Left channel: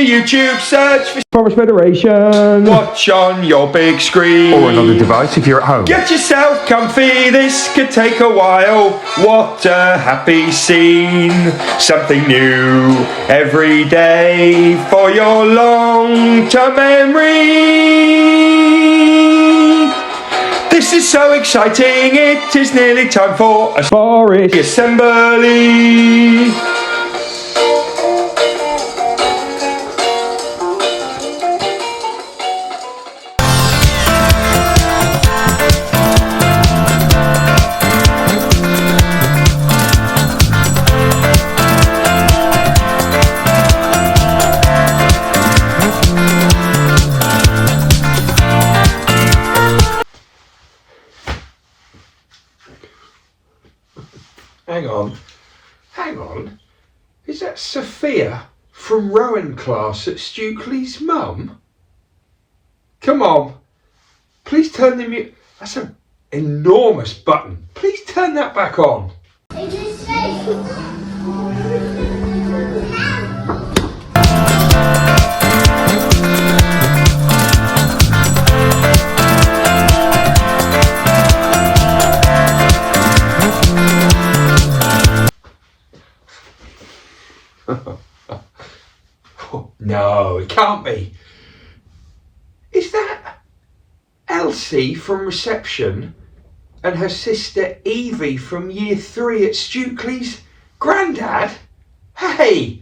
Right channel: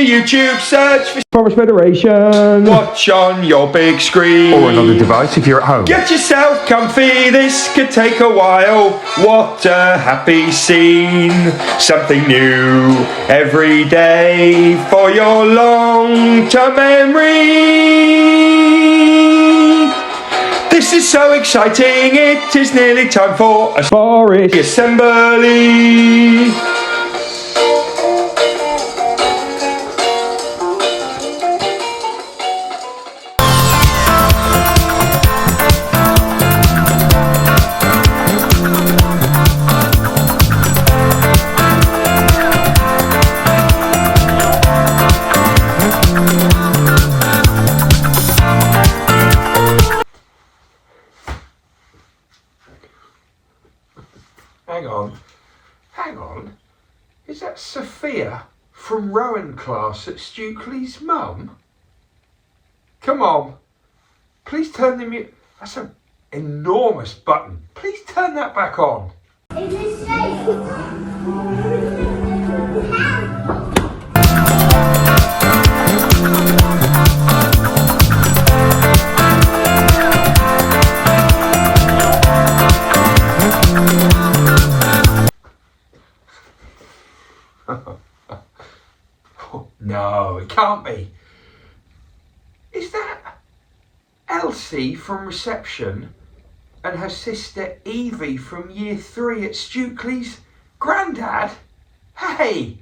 your YouTube, search for Forest Federation. watch on your big screen. Or another device if you're at home. Get yourself comfy, this could take a while. What a happy scene. Something new every day for your long-term memory. This is so exciting, it is nearly time for a Forest assembly. Hang on, is that Sophia from Rowan class at Stukely's mum? Come on, please turn the mute. That's an enormous button. Please turn that back on. No, it can't be. Is that Elsie from reception and her sister Evie from year 3 at Stukely's? Grandad? Hey,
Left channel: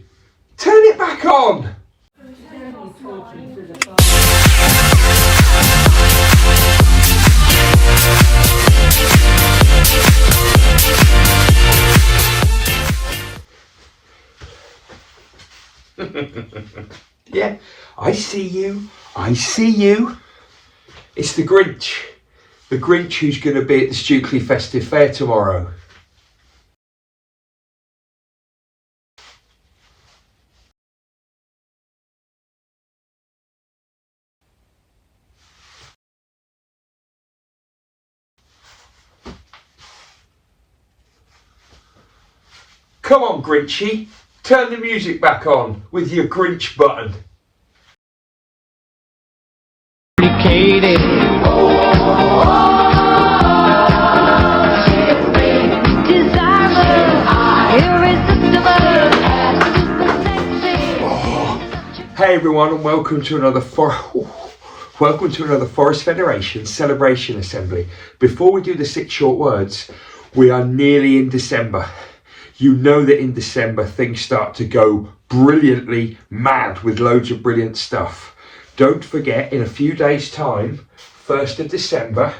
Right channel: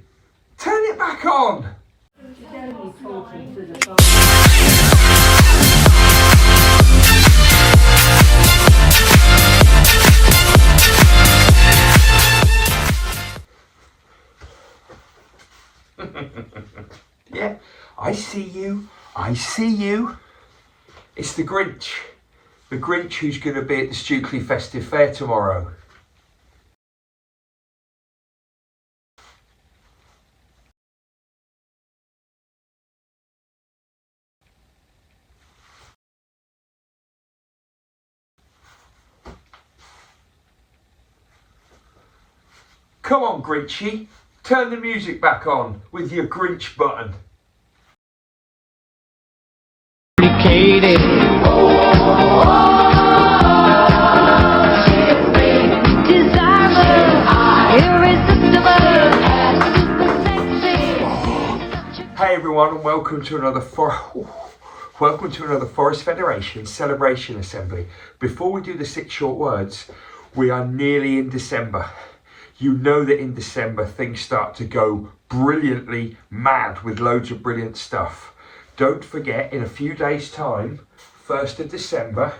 turn it back on. Yeah, I see you. It's the Grinch. The Grinch who's going to be at the Stukely Festive Fair tomorrow. Come on, Grinchy. Turn the music back on with your Grinch button. Hey everyone, and welcome to another Forest Federation Celebration Assembly. Before we do the 6 short words, we are nearly in December. You know that in December things start to go brilliantly mad with loads of brilliant stuff. Don't forget, in a few days' time, 1st of December,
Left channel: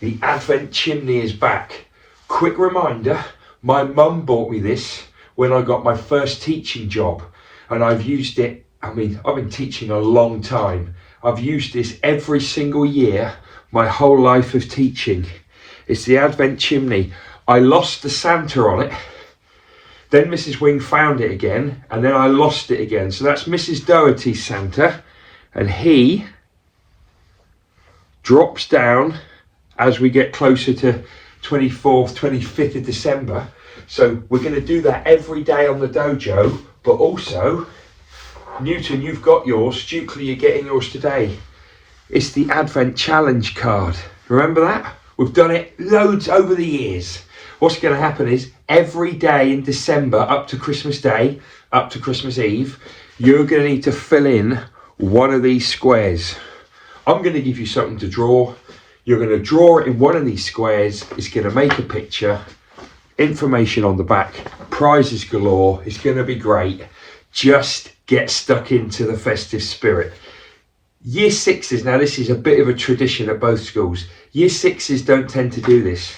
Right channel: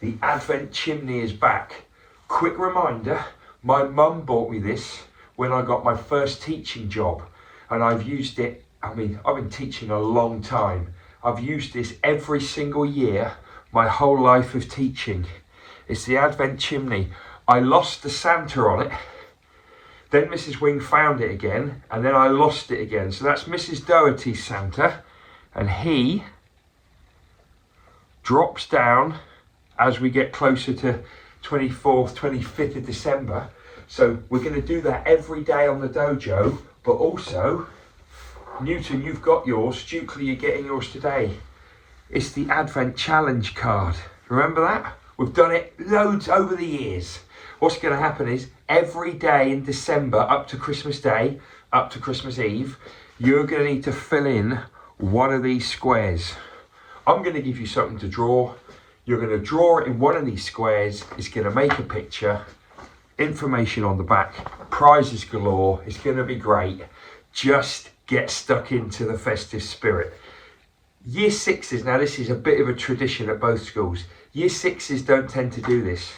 the Advent chimney is back. Quick reminder, my mum bought me this when I got my first teaching job, and I've used it, I've been teaching a long time. I've used this every single year, my whole life of teaching. It's the Advent chimney. I lost the Santa on it, then Mrs. Wing found it again, and then I lost it again. So that's Mrs. Doherty's Santa, and he drops down as we get closer to 24th, 25th of December. So we're going to do that every day on the dojo, but also, Newton, you've got yours, Stukely, you're getting yours today. It's the Advent Challenge card. Remember that? We've done it loads over the years. What's going to happen is every day in December up to Christmas Day, up to Christmas Eve, you're going to need to fill in one of these squares. I'm going to give you something to draw. You're going to draw it in one of these squares. It's going to make a picture, information on the back, prizes galore. It's going to be great. Just get stuck into the festive spirit. Year 6s, now this is a bit of a tradition at both schools. Year 6s don't tend to do this.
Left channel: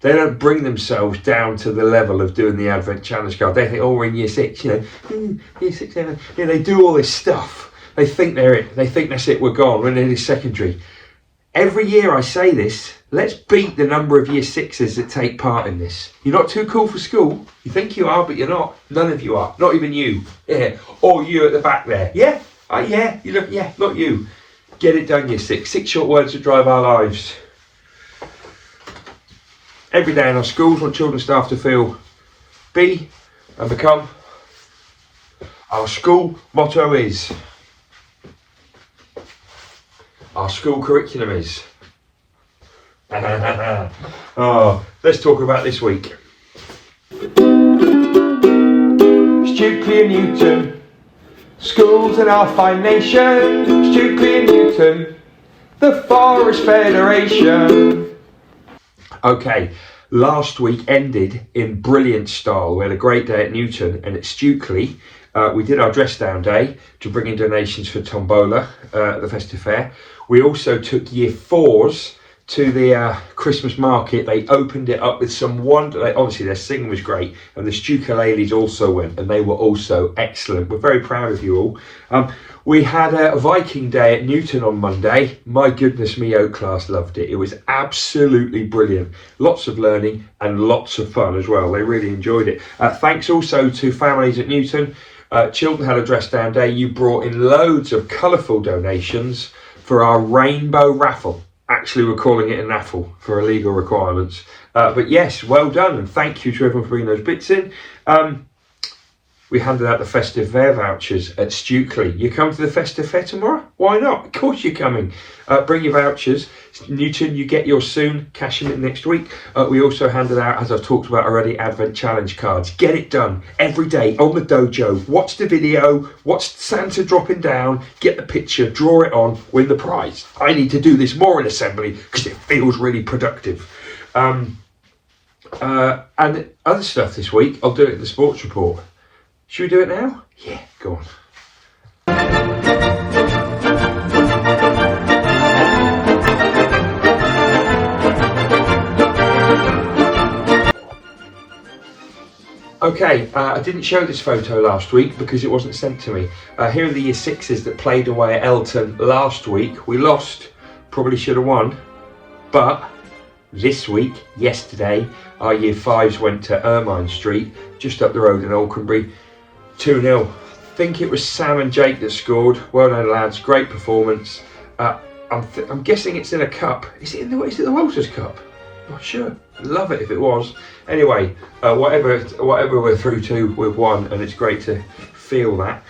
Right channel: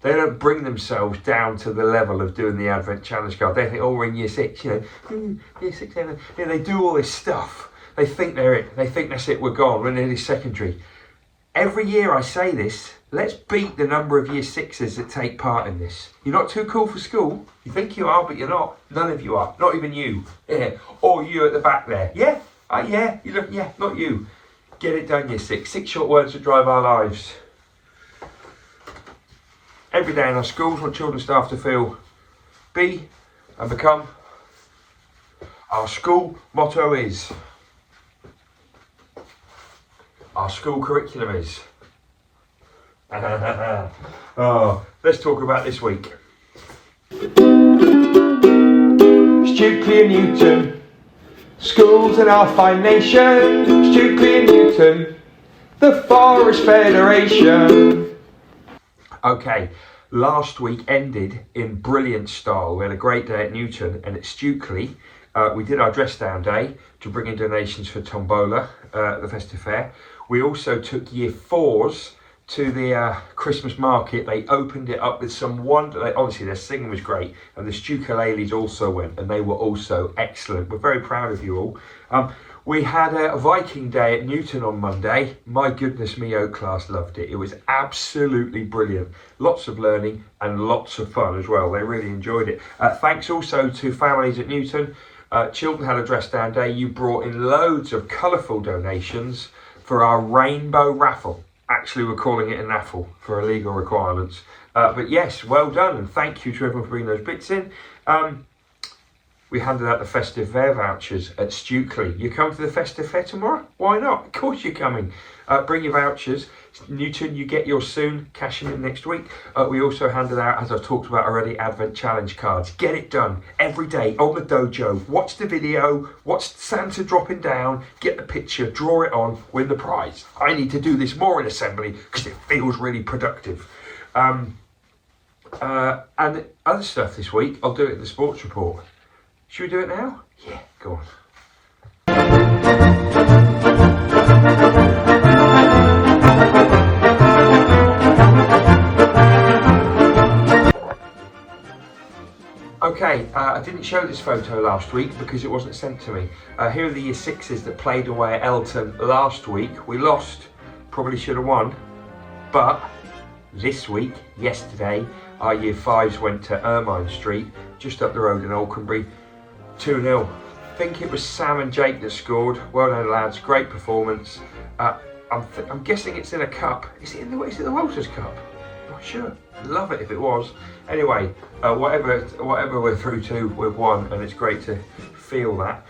They don't bring themselves down to the level of doing the Advent Challenge card. They think, oh, we're in year 6, year 6, 7. They do all this stuff. They think they're it. They think that's it, we're gone. We're nearly secondary. Every year I say this, let's beat the number of year 6s that take part in this. You're not too cool for school. You think you are, but you're not. None of you are. Not even you. Yeah. Or you at the back there. Yeah? Yeah. You look. Yeah. Not you. Get it done, year 6. 6 short words that drive our lives. Every day in our schools, want children and staff to feel, be and become Our school motto is, our school curriculum is. Oh, let's talk about this week. Stukely and Newton, schools in our fine nation. Stukely and Newton, the Forest Federation. Okay, last week ended in brilliant style. We had a great day at Newton, and at Stukely, we did our dress down day to bring in donations for Tombola at the Festive Fair. We also took year 4s to the Christmas market. They opened it up with some wonder. Obviously, their singing was great, and the Stukalele's also went, and they were also excellent. We're very proud of you all. We had a Viking day at Newton on Monday. My goodness me, Oak class loved it. It was absolutely brilliant. Lots of learning and lots of fun as well. They really enjoyed it. Thanks also to families at Newton. Children had a dress down day. You brought in loads of colourful donations for our rainbow raffle. Actually, we're calling it a naffle for illegal requirements. But yes, well done, and thank you to everyone for bringing those bits in. We handed out the Festive Fair vouchers at Stukely. You come to the Festive Fair tomorrow? Why not? Of course you're coming. Bring your vouchers. Newton, you get yours soon. Cash them in next week. We also handed out, as I've talked about already, Advent Challenge cards. Get it done every day on the dojo. Watch the video. Watch Santa dropping down. Get the picture. Draw it on. Win the prize. I need to do this more in assembly because it feels really productive. And other stuff this week, I'll do it in the sports report. Should we do it now? Yeah, go on. Okay, I didn't show this photo last week because it wasn't sent to me. Here are the year 6s that played away at Elton last week. We lost, probably should have won, but this week, yesterday, our year 5s went to Ermine Street, just up the road in Alconbury. 2-0. I think it was Sam and Jake that scored. Well done, lads. Great performance. I'm guessing it's in a cup. Is it the Walters Cup? Not sure. I'd love it if it was. Anyway, whatever we're through to, we've won, and it's great to feel that.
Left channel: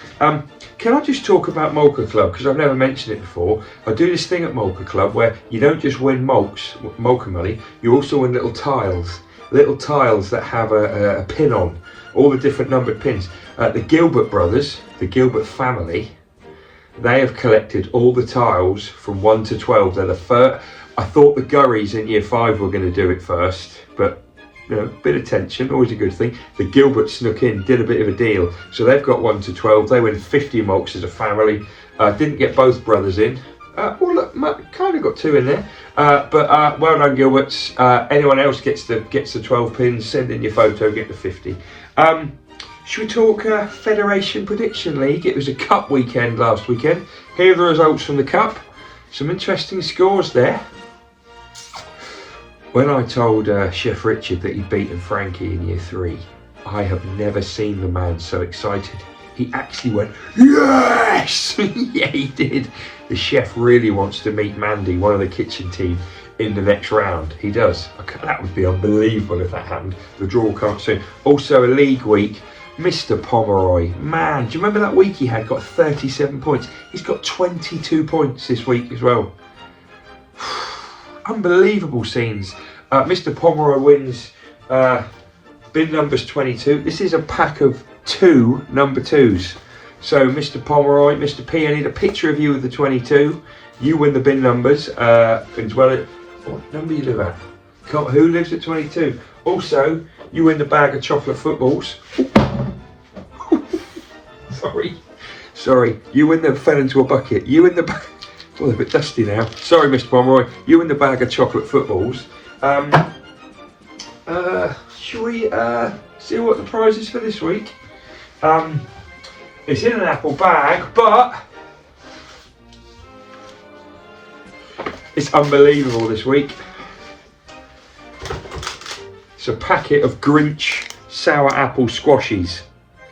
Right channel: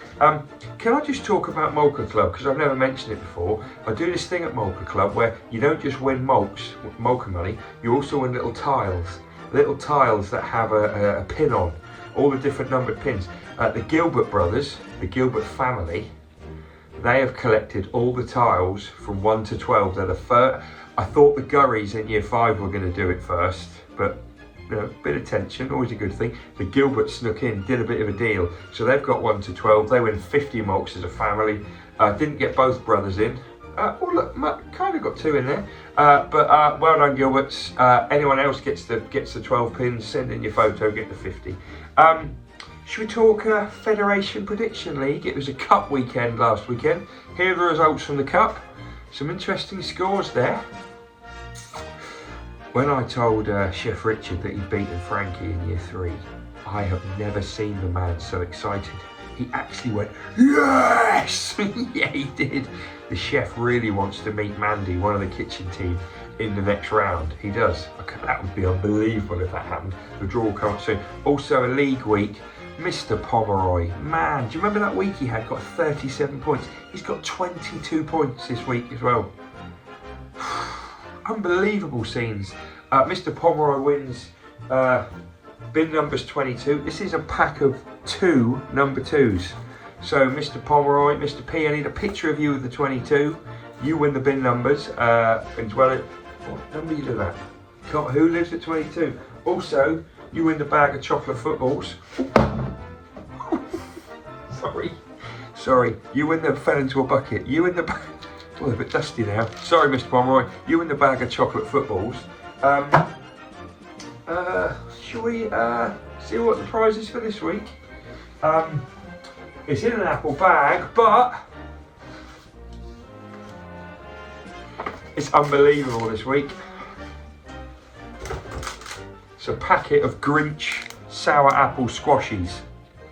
Can I just talk about Molka Club, because I've never mentioned it before. I do this thing at Molka Club where you don't just win Molka money, you also win little tiles that have a pin on, all the different numbered pins. The Gilbert brothers, the Gilbert family, they have collected all the tiles from 1 to 12. They're the first. I thought the Gurries in year 5 were going to do it first, but you know, bit of tension, always a good thing. The Gilbert snuck in, did a bit of a deal, so they've got 1 to 12. They win 50 mulks as a family. Didn't get both brothers in. Well, look, kind of got 2 in there, but well done, Gilberts. Anyone else gets the 12 pins? Send in your photo, get the 50. Should we talk Federation Prediction League? It was a cup weekend last weekend. Here are the results from the cup. Some interesting scores there. When I told Chef Richard that he'd beaten Frankie in year 3, I have never seen the man so excited. He actually went, yes! Yeah, he did. The chef really wants to meet Mandy, one of the kitchen team, in the next round. He does. That would be unbelievable if that happened. The draw can't soon. Also a league week. Mr. Pomeroy, man, do you remember that week he had? Got 37 points. He's got 22 points this week as well. Unbelievable scenes. Mr. Pomeroy wins bin numbers 22. This is a pack of 2 number 2s. So Mr. Pomeroy, Mr. P, I need a picture of you with the 22. You win the bin numbers. As well, what number you live at? Who lives at 22? Also, you win the bag of chocolate footballs. Sorry. You win the fell into a bucket. You win the bag. Oh, they're a bit dusty now. Sorry, Mr. Pomeroy. You win the bag of chocolate footballs. Shall we see what the prize is for this week? It's in an apple bag, but it's unbelievable this week. It's a packet of Grinch sour apple squashies.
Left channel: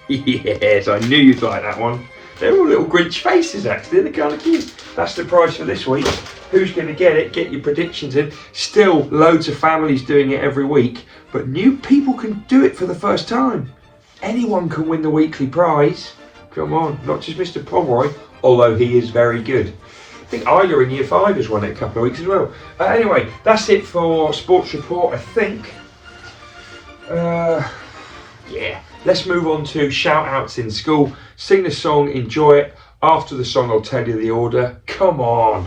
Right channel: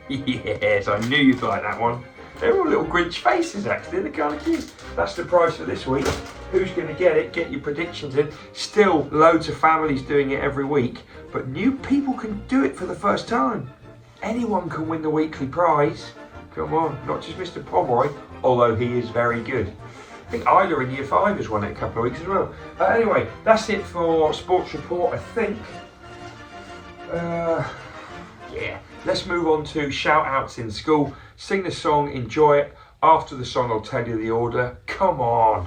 Yes, I knew you'd like that one. They're all little Grinch faces actually, they're kind of cute. That's the prize for this week. Who's going to get it? Get your predictions in. Still loads of families doing it every week, but new people can do it for the first time. Anyone can win the weekly prize. Come on, not just Mr. Pomeroy, although he is very good. I think Isla in Year 5 has won it a couple of weeks as well. Anyway, that's it for Sports Report, I think. Yeah, let's move on to shout outs in school. Sing the song, enjoy it. After the song, I'll tell you the order. Come on.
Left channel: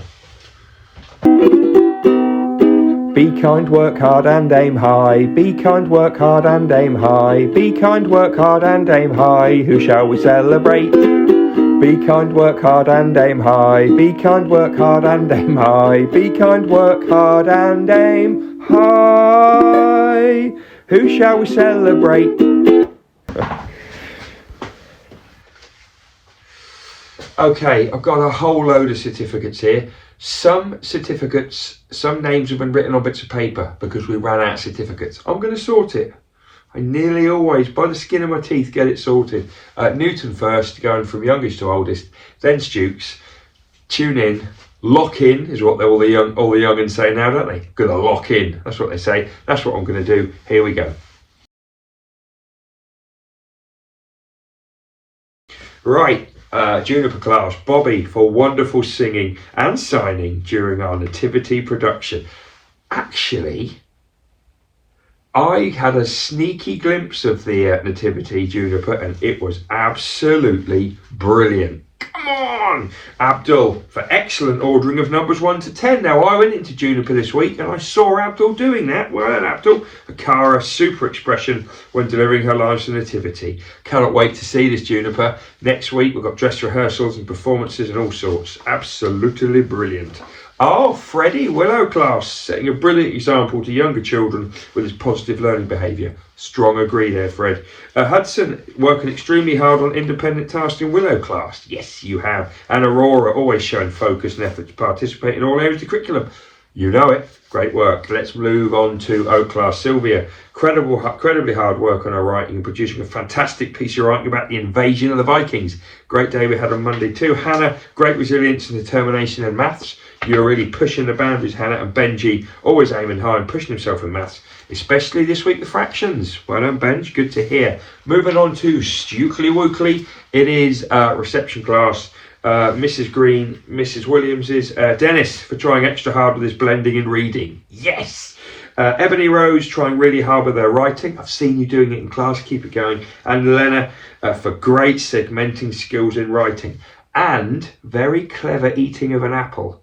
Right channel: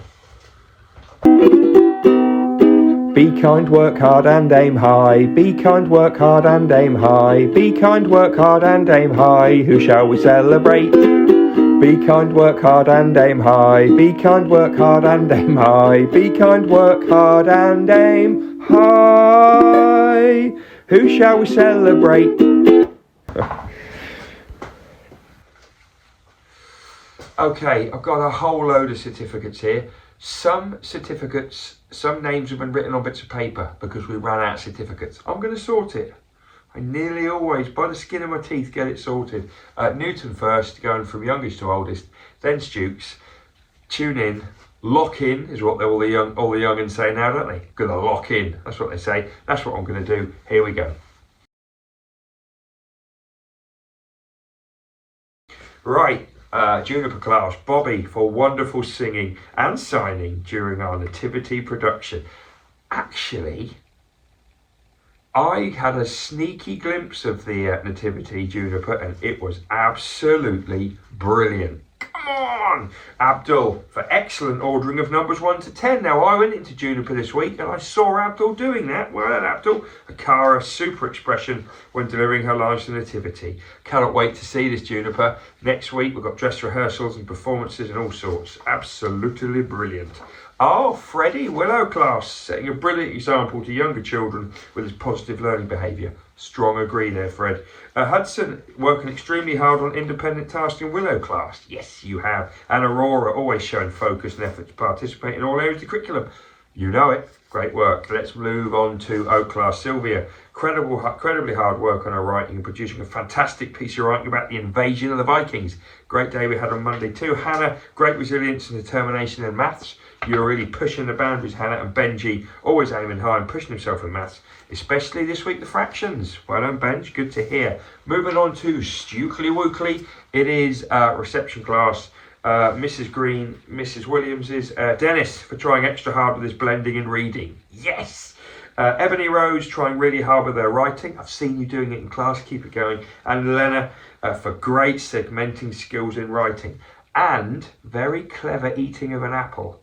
Be kind, work hard and aim high. Be kind, work hard and aim high. Be kind, work hard and aim high. Who shall we celebrate? Be kind, work hard and aim high. Be kind, work hard and aim high. Be kind, work hard and aim high. Who shall we celebrate? Okay, I've got a whole load of certificates here. Some certificates, some names have been written on bits of paper because we ran out of certificates. I'm going to sort it. I nearly always, by the skin of my teeth, get it sorted. Newton first, going from youngest to oldest, then Stukes. Tune in, lock in is what all the young'uns say now, don't they? Gonna lock in. That's what they say. That's what I'm going to do. Here we go. Right. Juniper class, Bobby for wonderful singing and signing during our nativity production. Actually, I had a sneaky glimpse of the nativity, Juniper, and it was absolutely brilliant. Come on, Abdul, for excellent ordering of numbers 1 to 10. Now, I went into Juniper this week and I saw Abdul doing that. Well done, Abdul. Akara, super expression when delivering her lines to nativity. Cannot wait to see this, Juniper. Next week, we've got dress rehearsals and performances and all sorts. Absolutely brilliant. Oh, Freddie, Willow class, setting a brilliant example to younger children with his positive learning behaviour. Strong agree there, Fred. Hudson, working extremely hard on independent tasks in Willow class. Yes, you have. And Aurora, always showing focus and effort to participate in all areas of the curriculum. You know it. Great work. Let's move on to O class. Sylvia, incredibly hard work on her writing and producing a fantastic piece of writing about the invasion of the Vikings. Great day we had on Monday too. Hannah, great resilience and determination in maths. You're really pushing the boundaries, Hannah. And Benji, always aiming high and pushing himself in maths, especially this week the fractions. Well done, Benj. Good to hear. Moving on to Stukely Wookly. It is reception class. Mrs. Green, Mrs. Williams's, Dennis for trying extra hard with his blending and reading. Yes! Ebony Rose trying really hard with her writing. I've seen you doing it in class. Keep it going. And Lena for great segmenting skills in writing. And very clever eating of an apple.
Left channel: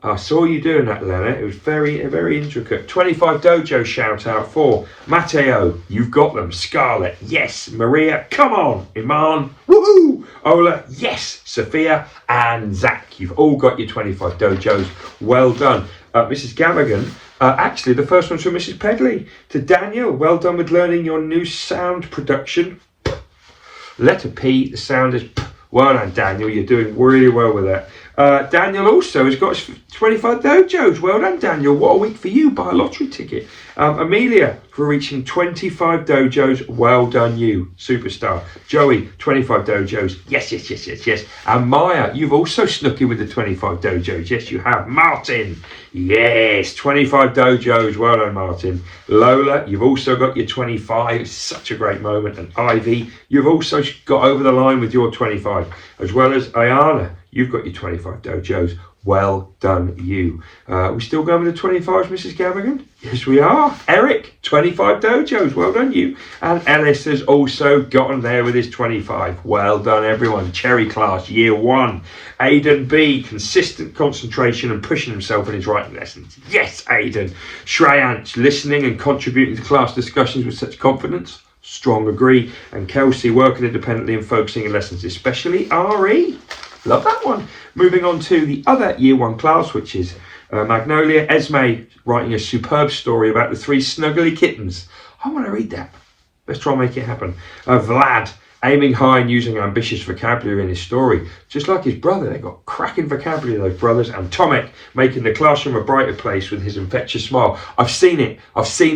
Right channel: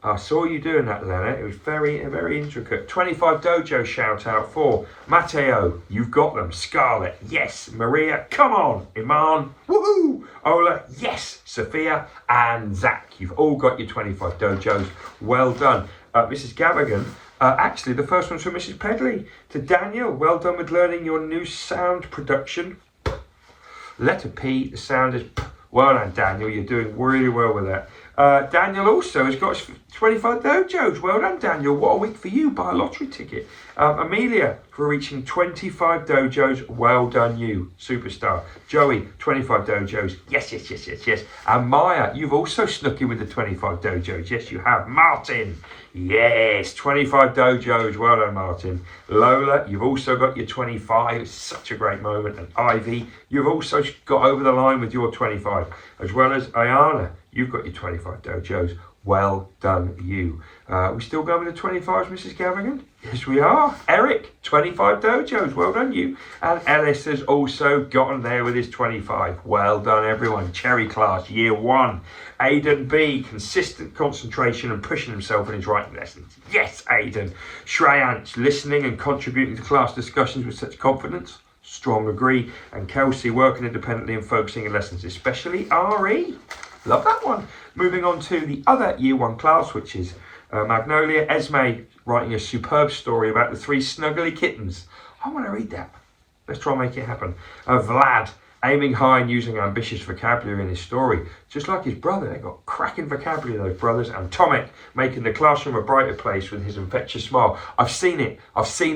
I saw you doing that, Lena. It was very, very intricate. 25 Dojo shout out for Matteo. You've got them. Scarlett. Yes. Maria. Come on. Iman. Woohoo. Ola. Yes. Sophia and Zach. You've all got your 25 Dojos. Well done. Mrs. Gavigan. Actually, the first one's from Mrs. Pedley. To Daniel. Well done with learning your new sound production. Letter P. The sound is P. Well done, Daniel. You're doing really well with that. Daniel also has got 25 dojos. Well done, Daniel. What a week for you. Buy a lottery ticket. Amelia for reaching 25 dojos. Well done, you. Superstar. Joey, 25 dojos. Yes. And Maya, you've also snuck in with the 25 dojos. Yes, you have. Martin. Yes, 25 dojos. Well done, Martin. Lola, you've also got your 25. It's such a great moment. And Ivy, you've also got over the line with your 25. As well as Ayana, you've got your 25 dojos. Well done, you. We still going with the 25s, Mrs. Gavigan? Yes, we are. Eric, 25 dojos. Well done, you. And Ellis has also gotten there with his 25. Well done, everyone. Cherry class, year 1. Aidan B, consistent concentration and pushing himself in his writing lessons. Yes, Aidan. Shreyansh, listening and contributing to class discussions with such confidence. Strong agree. And Kelsey, working independently and focusing in lessons, especially RE. Love that one. Moving on to the other year 1 class, which is Magnolia. Esme writing a superb story about the 3 snuggly kittens. I want to read that. Let's try and make it happen. Vlad aiming high and using ambitious vocabulary in his story. Just like his brother, they've got cracking vocabulary, those brothers. And Tomek making the classroom a brighter place with his infectious smile. I've seen it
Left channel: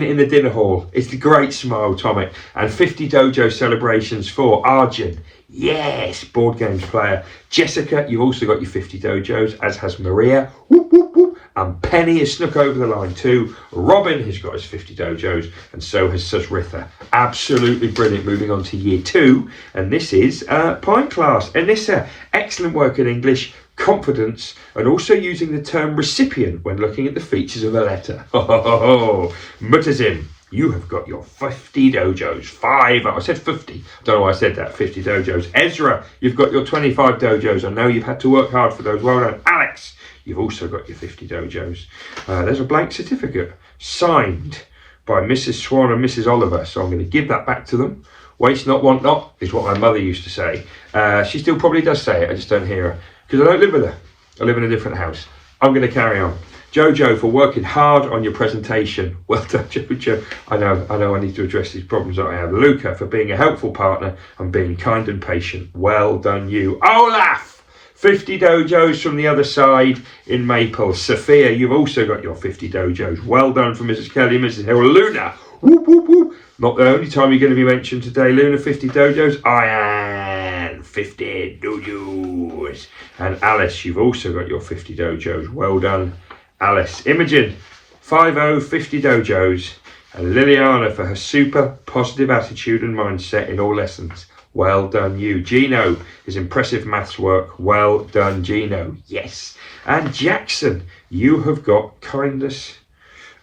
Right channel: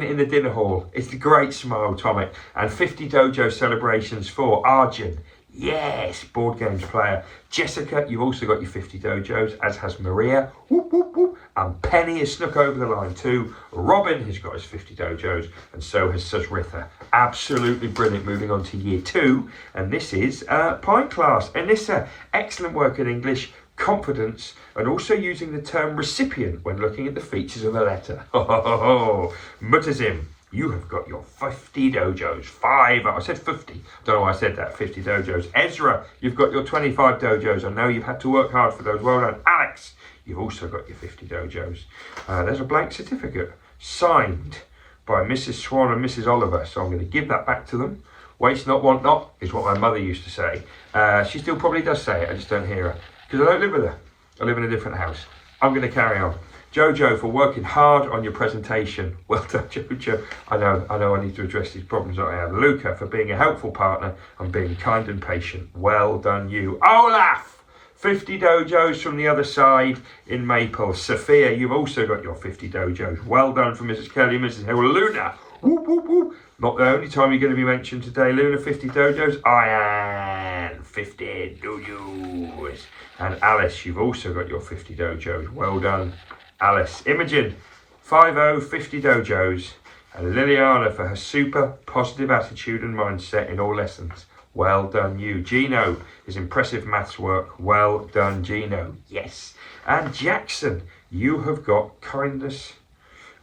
in the dinner hall. It's the great smile, Tomek. And 50 dojo celebrations for Arjun. Yes, board games player. Jessica, you've also got your 50 dojos, as has Maria. Whoop, whoop, whoop. And Penny has snuck over the line too. Robin has got his 50 dojos, and so has Susritha. Absolutely brilliant. Moving on to year 2, and this is Pine class. Anissa, excellent work in English, confidence, and also using the term recipient when looking at the features of a letter. Mutazim, you have got your 50 dojos. I said 50. Don't know why I said that. 50 dojos. Ezra, you've got your 25 dojos. I know you've had to work hard for those. Well done. Alex, you've also got your 50 dojos. There's a blank certificate signed by Mrs. Swan and Mrs. Oliver. So I'm going to give that back to them. Waste not, want not, is what my mother used to say. She still probably does say it. I just don't hear her because I don't live with her. I live in a different house. I'm going to carry on. Jojo, for working hard on your presentation. Well done, Jojo. I know I need to address these problems that I have. Luca, for being a helpful partner and being kind and patient. Well done, you. Olaf, 50 dojos from the other side in Maple. Sophia, you've also got your 50 dojos. Well done from Mrs. Kelly, Mrs. Hill. Luna, whoop, whoop, whoop. Not the only time you're going to be mentioned today, Luna, 50 dojos. Ian, 50 dojos. And Alice, you've also got your 50 dojos. Well done, Alice. Imogen, 50 dojos. And Liliana for her super positive attitude and mindset in all lessons. Well done, you. Gino, his impressive maths work. Well done, Gino. Yes. And Jackson, you have got kindness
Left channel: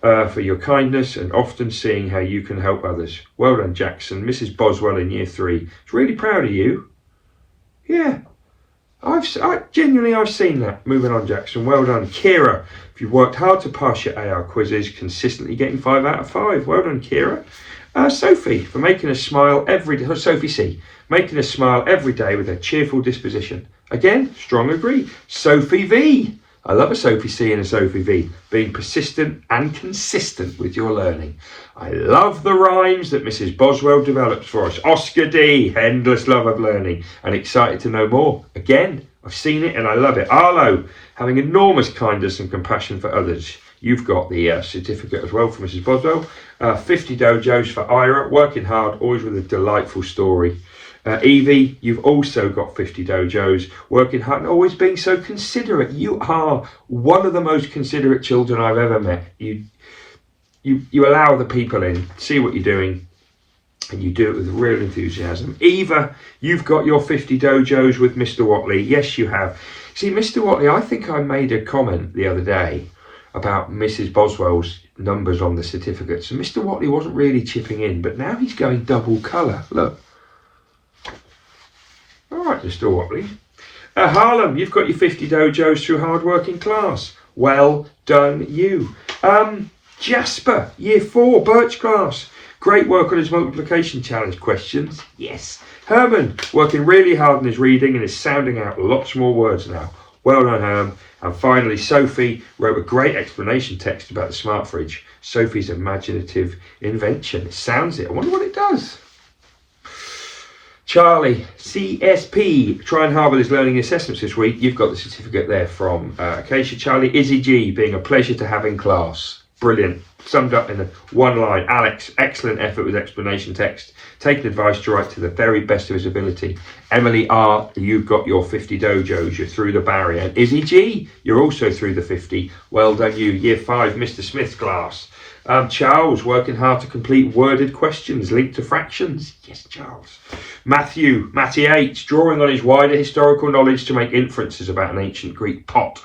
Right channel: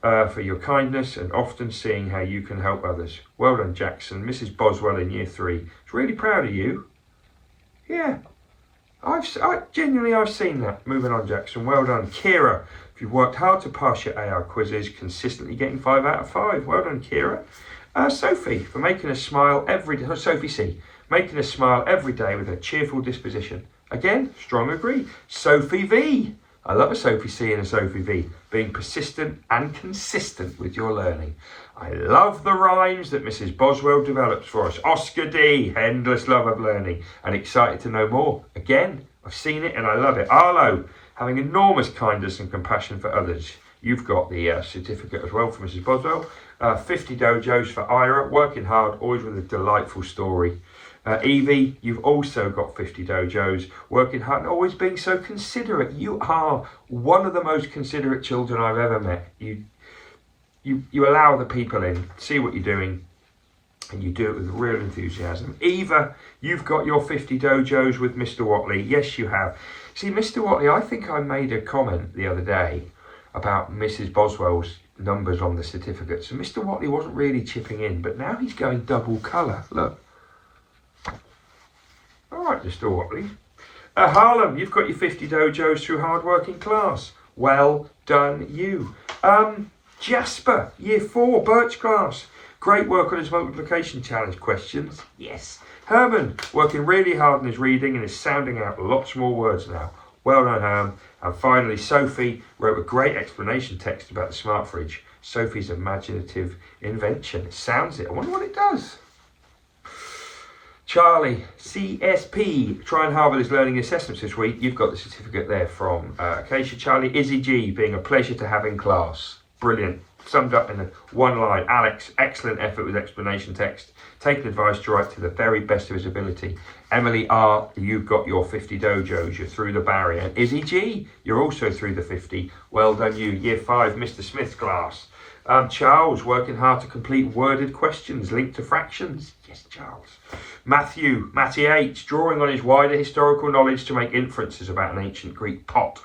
for your kindness and often seeing how you can help others. Well done, Jackson. Mrs. Boswell in year 3 is really proud of you. Yeah. I've seen that. Moving on, Jackson. Well done. Kira, if you've worked hard to pass your AR quizzes, consistently getting 5 out of 5. Well done, Kira. Sophie, for making us smile every day. Sophie C, making us smile every day with a cheerful disposition. Again, strong agree. Sophie V, I love a Sophie C and a Sophie V, being persistent and consistent with your learning. I love the rhymes that Mrs. Boswell develops for us. Oscar D, endless love of learning and excited to know more. Again, I've seen it and I love it. Arlo, having enormous kindness and compassion for others. You've got the certificate as well for Mrs. Boswell. 50 dojos for Ira, working hard, always with a delightful story. Evie, you've also got 50 dojos, working hard and always being so considerate. You are one of the most considerate children I've ever met. You allow the people in, see what you're doing, and you do it with real enthusiasm. Eva, you've got your 50 dojos with Mr. Watley. Yes, you have. See, Mr. Watley, I think I made a comment the other day about Mrs. Boswell's numbers on the certificates. And Mr. Watley wasn't really chipping in, but now he's going double colour. Look. All right, Mr. Watley. Harlem, you've got your 50 dojos through hard working class. Well done, you. Jasper, year 4, Birch class. Great work on his multiplication challenge questions. Yes. Herman, working really hard on his reading and is sounding out lots more words now. Well done, Herm. And finally, Sophie wrote a great explanation text about the smart fridge. Sophie's imaginative invention. It sounds it. I wonder what it does. Charlie, CSP, trying hard with his learning assessments this week. You've got the certificate there from Acacia. Charlie, Izzy G, being a pleasure to have in class. Brilliant. Summed up in one line. Alex, excellent effort with explanation text. Taking advice to write to the very best of his ability. Emily R, you've got your 50 dojos. You're through the barrier. And Izzy G, you're also through the 50. Well done, you. Year 5, Mr. Smith's class. Charles, working hard to complete worded questions linked to fractions. Yes, Charles. Matty H, drawing on his wider historical knowledge to make inferences about an ancient Greek pot.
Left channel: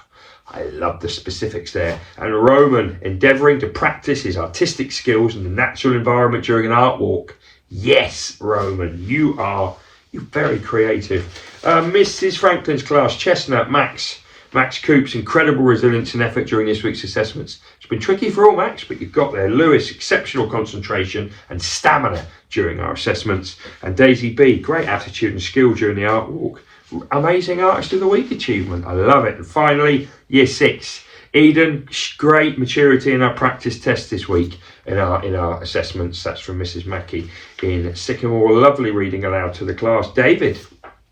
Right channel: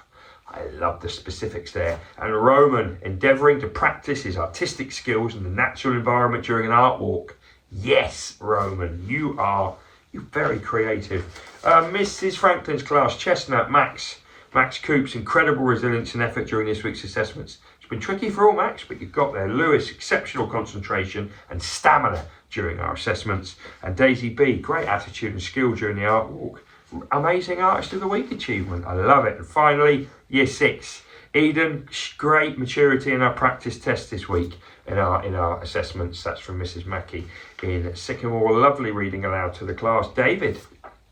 I love the specifics there. And Roman, endeavouring to practice his artistic skills in the natural environment during an art walk. Yes, Roman, you're very creative. Mrs. Franklin's class, Chestnut, Max Coops, incredible resilience and effort during this week's assessments. It's been tricky for all, Max, but you've got there. Lewis, exceptional concentration and stamina during our assessments. And Daisy B, great attitude and skill during the art walk. Amazing Artist of the Week achievement. I love it. And finally, year 6, Eden, great maturity in our practice test this week in our assessments. That's from Mrs. Mackey in Sycamore. Lovely reading aloud to the class. David,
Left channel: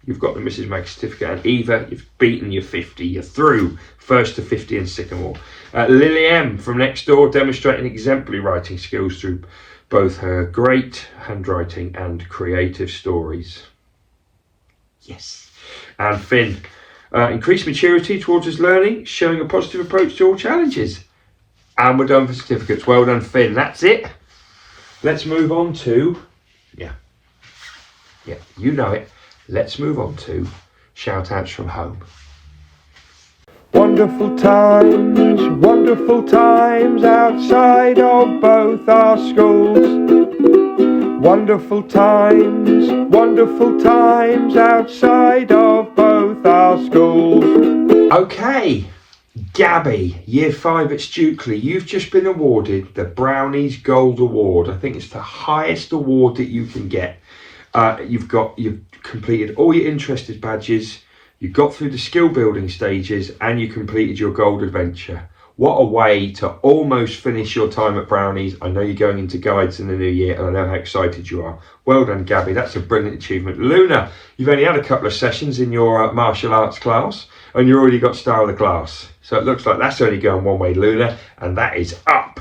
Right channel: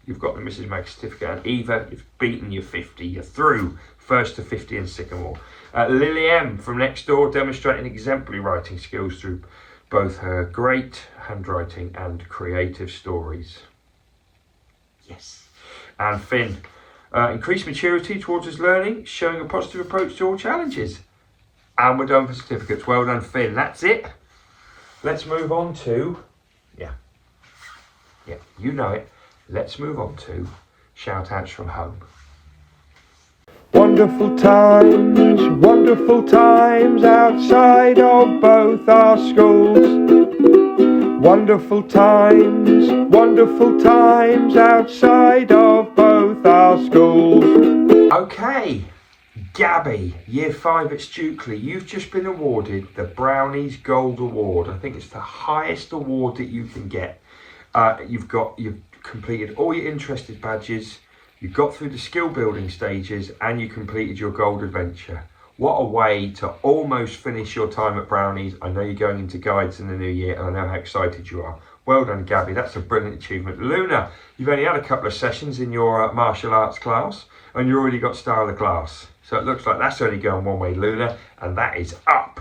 you've got the Mrs. Mackey certificate. And Eva, you've beaten your 50. You're through first to 50 in Sycamore. Lily M from next door, demonstrating exemplary writing skills through both her great handwriting and creative stories. Yes. And Finn, increased maturity towards his learning, showing a positive approach to all challenges. And we're done for certificates. Well done, Finn. That's it. Let's move on to, yeah, you know it. Let's move on to shout outs from home. Wonderful times outside of both our schools. Wonderful times outside of both our schools. Okay, Gabby, Year 5 at Stukely, you've just been awarded the Brownies Gold Award. I think it's the highest award that you can get. You've completed all your interested badges, you got through the skill building stages, and you completed your gold adventure. What a way to almost finish your time at Brownies. I know you're going into guides in the new year, and I know how excited you are. Well done, Gabby. That's a brilliant achievement. Luna, you've only had a couple of sessions in your martial arts class, and you already got star of the class. So it looks like that's only going one way, Luna, and that is up.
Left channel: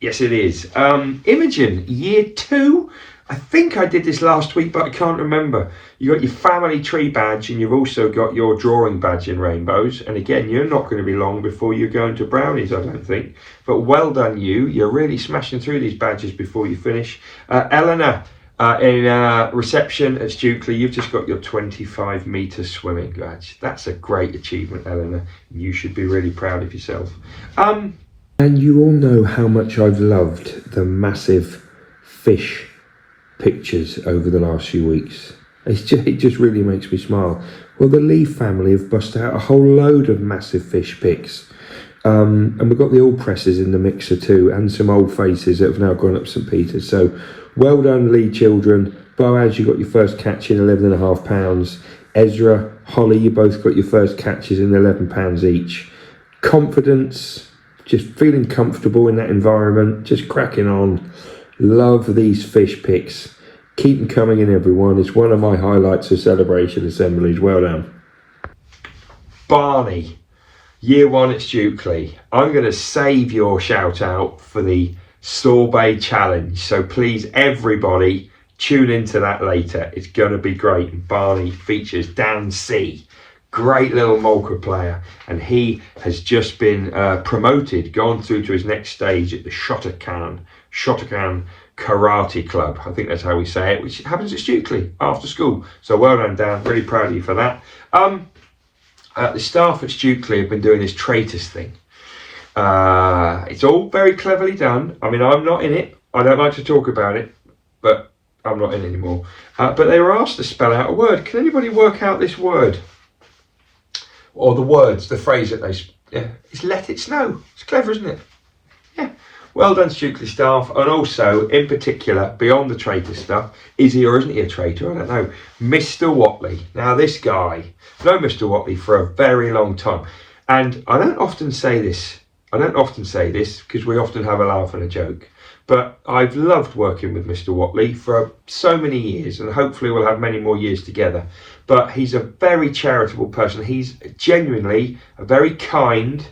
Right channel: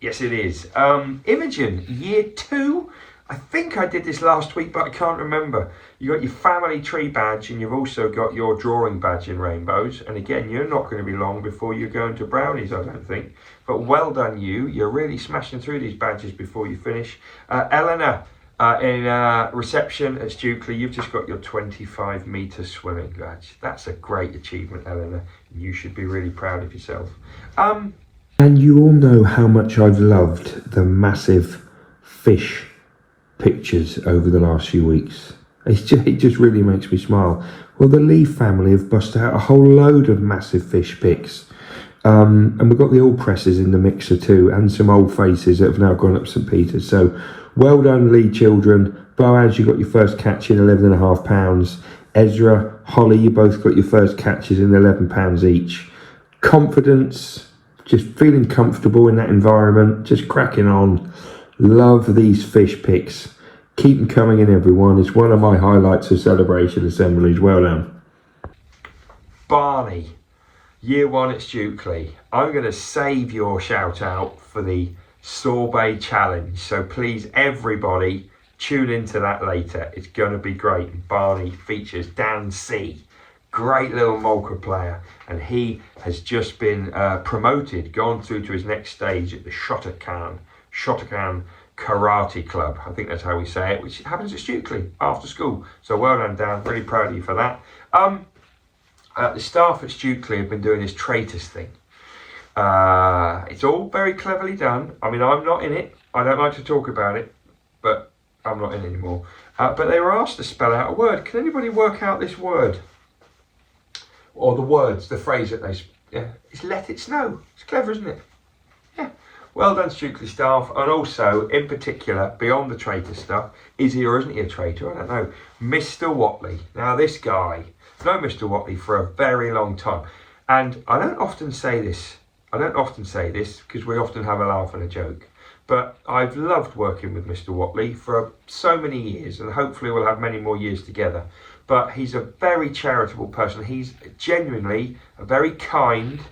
Yes, it is. Imogen, Year 2. I think I did this last week, but I can't remember. You got your family tree badge, and you've also got your drawing badge in rainbows. And again, you're not going to be long before you're going to Brownies, I don't think. But well done, you. You're really smashing through these badges before you finish. Eleanor, in reception at Stukely, you've just got your 25-metre swimming badge. That's a great achievement, Eleanor. You should be really proud of yourself. And you all know how much I've loved the massive fish pictures over the last few weeks. It just really makes me smile. Well, the Lee family have busted out a whole load of massive fish pics. And we've got the all presses in the mixer too, and some old faces that have now gone up St. Peter's. So well done, Lee children. Boaz, you got your first catch in 11.5 pounds. Ezra, Holly, you both got your first catches in 11 pounds each. Confidence, just feeling comfortable in that environment, just cracking on. Love these fish pics. Keep them coming in, everyone. It's one of my highlights of Celebration Assemblies. Well done. Barney, Year 1 at Stukely. I'm going to save your shout out for the Sorbet Challenge. So please, everybody, tune into that later. It's going to be great. And Barney features Dan C. Great little Molka player. And he has just been promoted, gone through to his next stage at the Shotokan Karate Club. I think that's how we say it, which happens at Stukely after school. So well done, Dan. Really proud of you for that. The staff at Stukely have been doing this traitors thing. It's all very cleverly done. I mean, I'm not in it. I don't like to talk about it, but I'm not in anymore. But they were asked to spell out a word. Can anybody work out this word? Or the words, the phrase that they... Yeah, it's let it snow. It's clever, isn't it? Yeah. Well done, Stukely staff. And also, in particular, beyond the traitor stuff, is he or isn't he a traitor? I don't know. Mr. Watley. Now, this guy, I've known Mr. Watley for a very long time. And I don't often say this because we often have a laugh and a joke. But I've loved working with Mr. Watley for so many years, and hopefully we'll have many more years together. But he's a very charitable person. He's genuinely a very kind-hearted,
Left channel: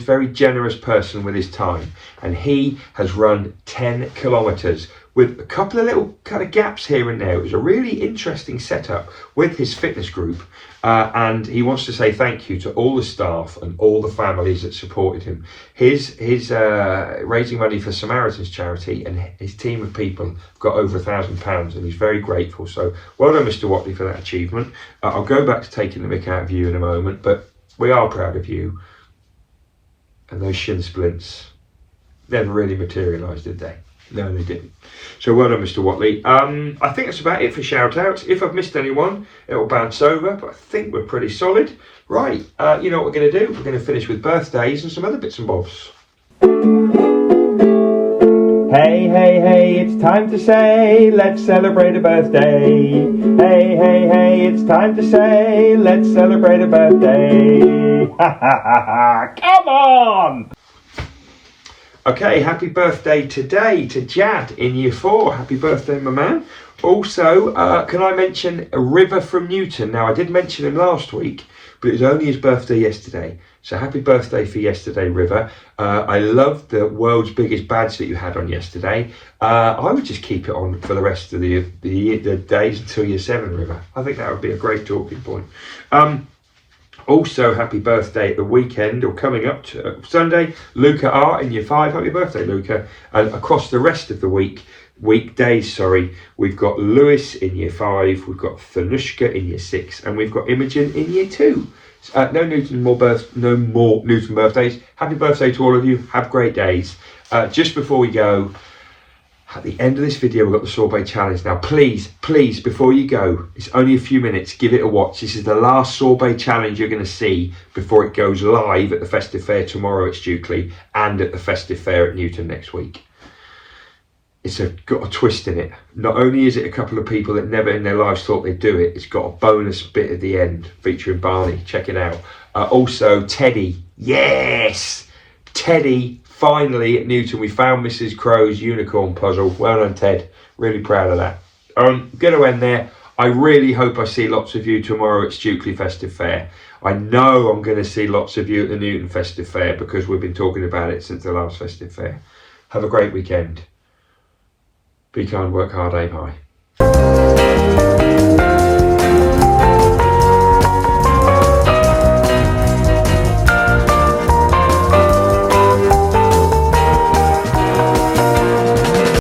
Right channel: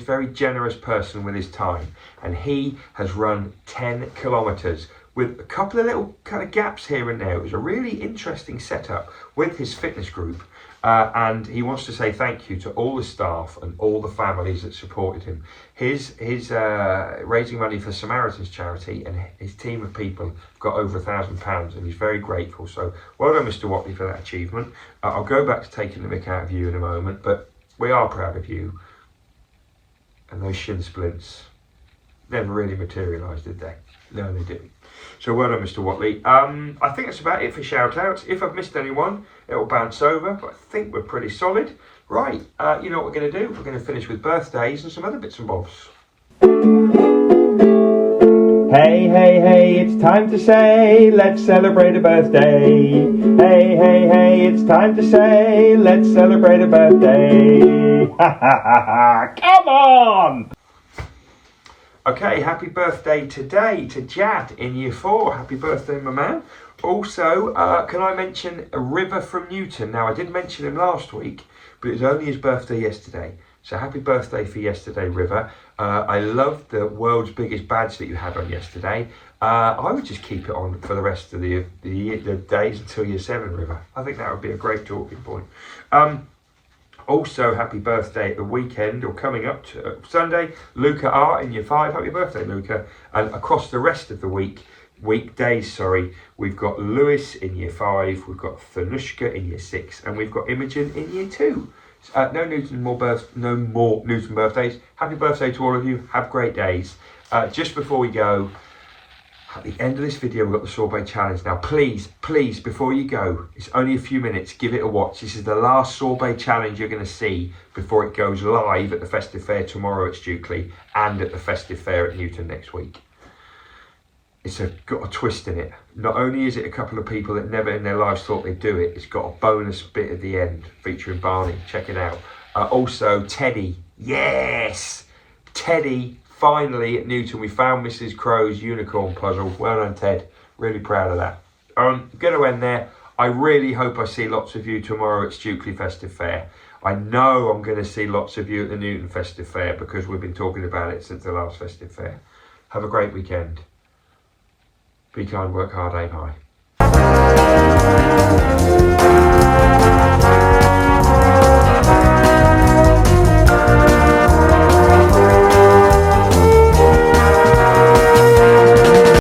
very generous person with his time. And he has run 10 kilometres with a couple of little kind of gaps here and there. It was a really interesting setup with his fitness group. And he wants to say thank you to all the staff and all the families that supported him. His raising money for Samaritan's charity, and his team of people have got over £1,000, and he's very grateful. So well done, Mr. Watley, for that achievement. I'll go back to taking the mick out of you in a moment, but we are proud of you. And those shin splints never really materialised, did they? No, they didn't. So well done, Mr. Watley. I think that's about it for shout-outs. If I've missed anyone, it will bounce over, but I think we're pretty solid. Right, you know what we're going to do? We're going to finish with birthdays and some other bits and bobs. Hey, hey, hey, it's time to say, let's celebrate a birthday. Hey, hey, hey, it's time to say, let's celebrate a birthday. Ha, ha, ha, ha, come on! Okay, happy birthday today to Jad in Year 4. Happy birthday, my man. Also, can I mention a River from Newton? Now, I did mention him last week, but it was only his birthday yesterday. So happy birthday for yesterday, River. I loved the world's biggest badge that you had on yesterday. I would just keep it on for the rest of the days until year 7, River. I think that would be a great talking point. Also, happy birthday at the weekend, or coming up to Sunday, Luca R in year 5. Happy birthday, Luca. And across the rest of the weekdays, we've got Lewis in year 5, we've got Thanushka in year 6, and we've got Imogen in year 2. No more Newton birthdays. Happy birthday to all of you. Have great days. Just before we go, at the end of this video, we've got the sorbet challenge. Now, please, before you go, it's only a few minutes, give it a watch. This is the last sorbet challenge you're going to see before it goes live at the Festive Fair tomorrow at Stukely and at the Festive Fair at Newton next week. It's got a twist in it. Not only is it a couple of people that never in their lives thought they'd do it, it's got a bonus bit at the end featuring Barney. Check it out. Also, Teddy. Yes! Teddy, finally at Newton, we found Mrs. Crow's unicorn puzzle. Well done, Ted. Really proud of that. I'm going to end there. I really hope I see lots of you tomorrow at Stukely Festive Fair. I know I'm going to see lots of you at the Newton Festive Fair because we've been talking about it since the last Festive Fair. Have a great weekend. Be kind, work hard, aim high.